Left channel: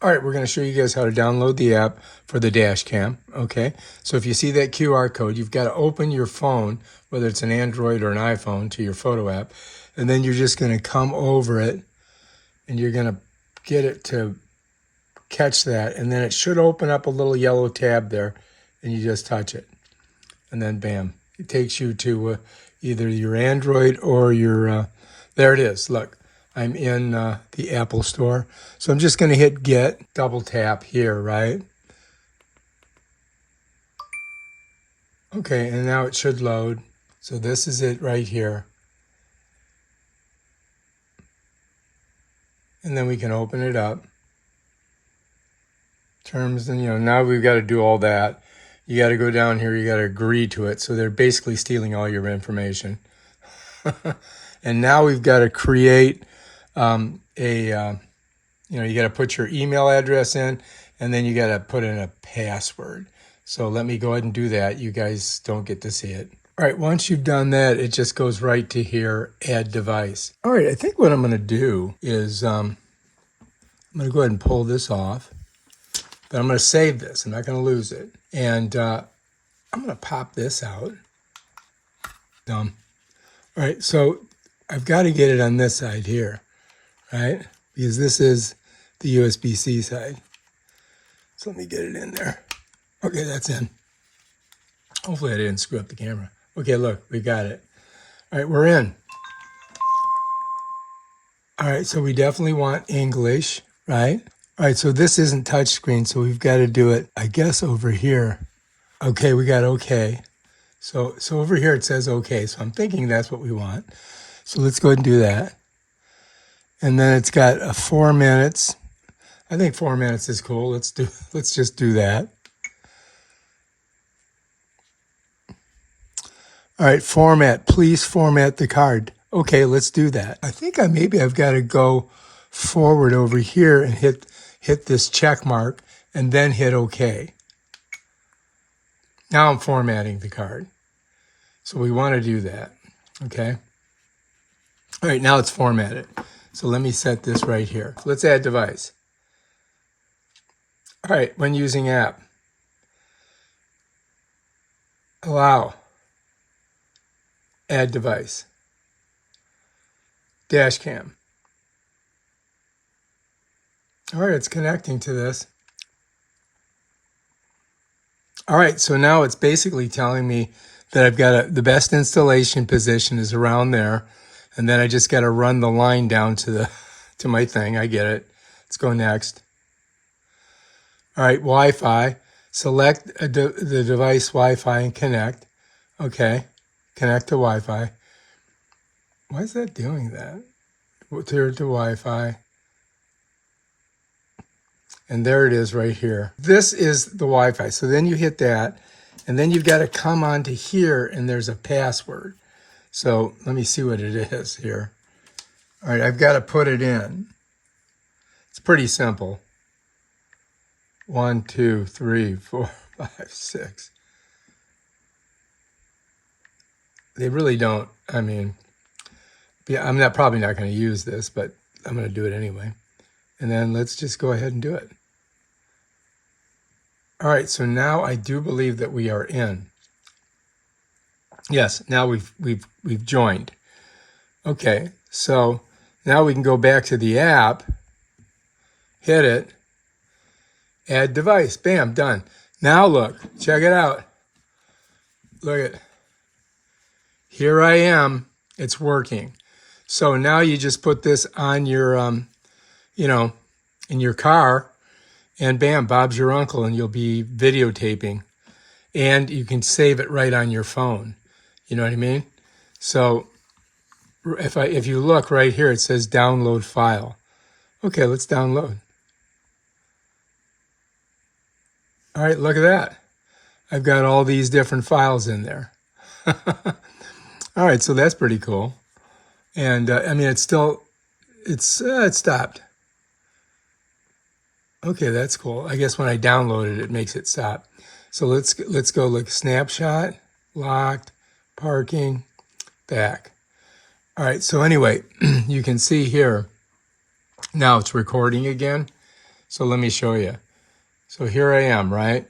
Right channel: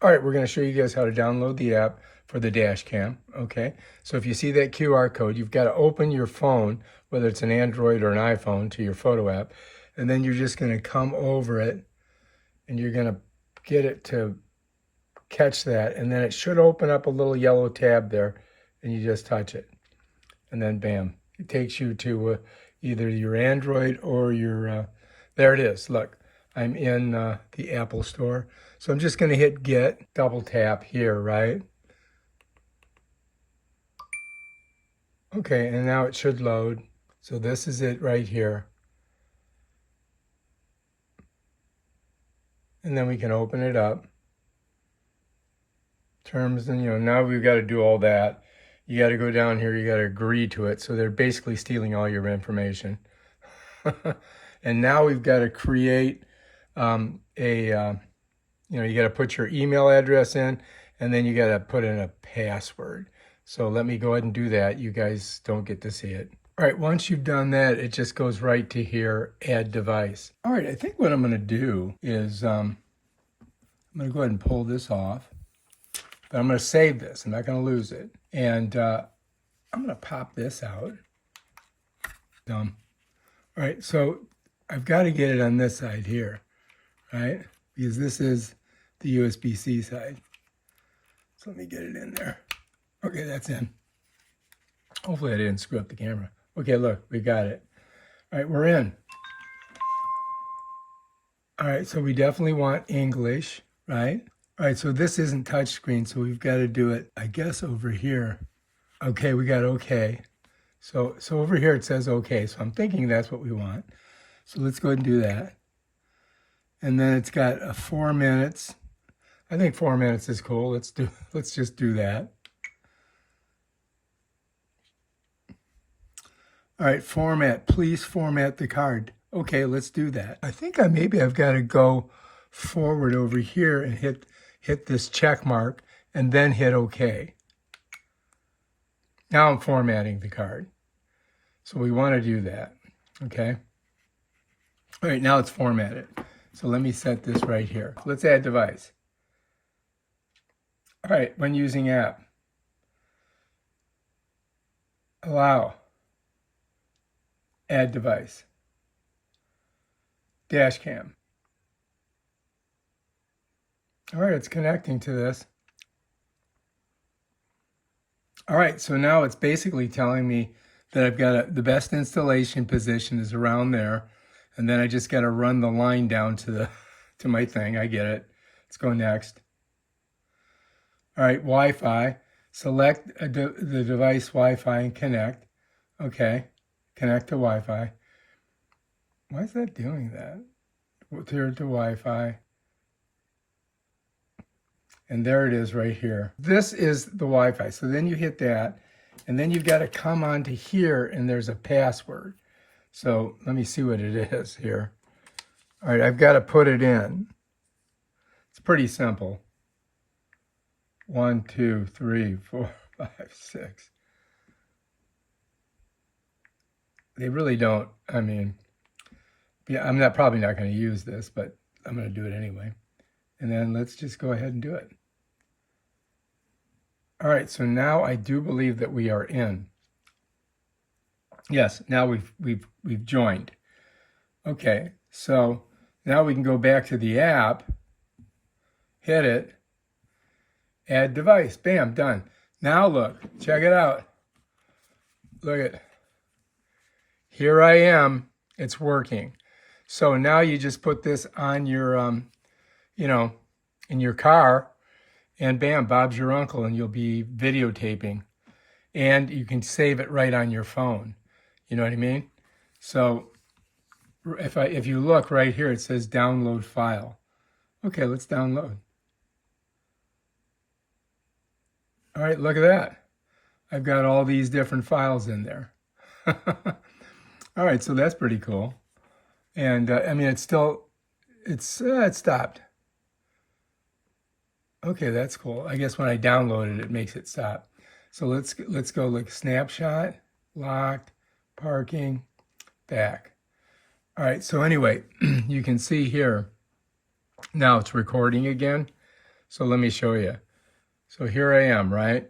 All right, we're going to show you guys how to download the app for the dash cam, okay? So if you see that QR code, you've got to open your phone, whether it's an Android or an iPhone, to your photo app, and then you're just going to come over it, and you're going to get it to catch that, and then it should open up a little yellow tab there, and you just touch it, and then bam, it takes you to either your Android or your, there it is, look. I'm in the Apple Store. So I'm just going to hit get, double tap here, right? Okay, and now it should load. So this is it right here. And then we can open it up. Terms, and now we've got to do all that. You got to go down here, you got to agree to it. So they're basically stealing all your information. And now we've got to create you got to put your email address in, and then you got to put in a password. So let me go ahead and do that. You guys don't get to see it. All right, once you've done that, it just goes right to here, add device. All right, I think what I'm going to do is I'm going to go ahead and pull this off, but I'm going to save this. I'm not going to lose it. And I'm going to pop this out. Dumb. All right, so I've got to get it on this side here, right? Because this is the USB-C side. So let me get it in there. Okay, that's in. Hopefully I didn't screw up the camera. Okay, look, we got it. All right, we're in. All right, so we definitely want English, right? All right, so this isn't touchscreen, so we've got to do it, I guess, over here. Okay, we got okay. So over here it says okay, so I'm thinking that's what we want. So let's go ahead and do that. And then it's got 4 minutes. I think 4 minutes is cool. Let's just do that. All right, format. Please format the card. Okay, let's do that. I think maybe I've got to go forward over here and hit this check mark and then hit OK. Now I'm formatting the card. So we want to do that. Okay. All right, now it's formatted. So let me set this right here. Let's add device. All right, when using app, allow, add device, dash cam. All right, it's connecting to this. All right, so now it's basically telling me that I've got the best installation position is around there. And then I just got to run the line down to my thing. I get it. Let's go next. All right, Wi-Fi. Select the device Wi-Fi and connect. Okay, connect to Wi-Fi. Why is that doing that? To Wi-Fi. And there it is right here. This is the Wi-Fi. So then you hit that, and then you've got to come onto here, and there's a password. So let me see what it is here. All right, I've got to put it in. It's pretty simple. 1, 2, 3, 4, 5, 6. They really don't, I mean, yeah, I'm probably not going to use this, but I'm going to do it anyway. And then let's just go ahead and do it. All right, so now I do believe that we are in. Yes, now we've joined. Okay, so now we can go back to the app, hit it, add device, bam, done. Now look, check it out. Look at, here I am, it's working. So now you just put this on your, in your car, and bam, Bob's your uncle, and you'll be videotaping. And you can save it right on your phone. You know what I mean? So if you look right here, it says download file. Okay, let's download. All right, look at that. I've got all these different files in there. All right, so that's pretty cool. And I mean, it stopped. Okay, that's cool. I guess when I download it, it makes it stop. So let's go look, snapshot, locked, parking, back. All right, so anyway, you can see here, now it's recording again. So let me show you. So here I am, right?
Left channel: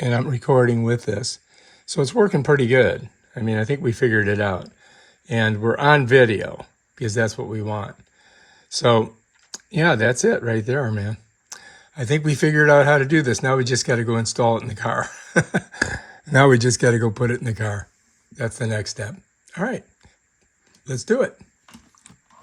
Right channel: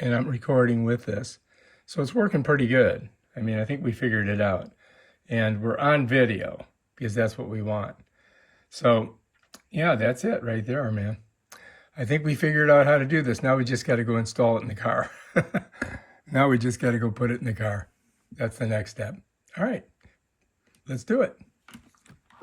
And I'm recording with this. So it's working pretty good. I mean, I think we figured it out. And we're on video because that's what we want. So yeah, that's it right there, man. I think we figured out how to do this. Now we just got to go install it in the car. Now we just got to go put it in the car. That's the next step. All right, let's do it.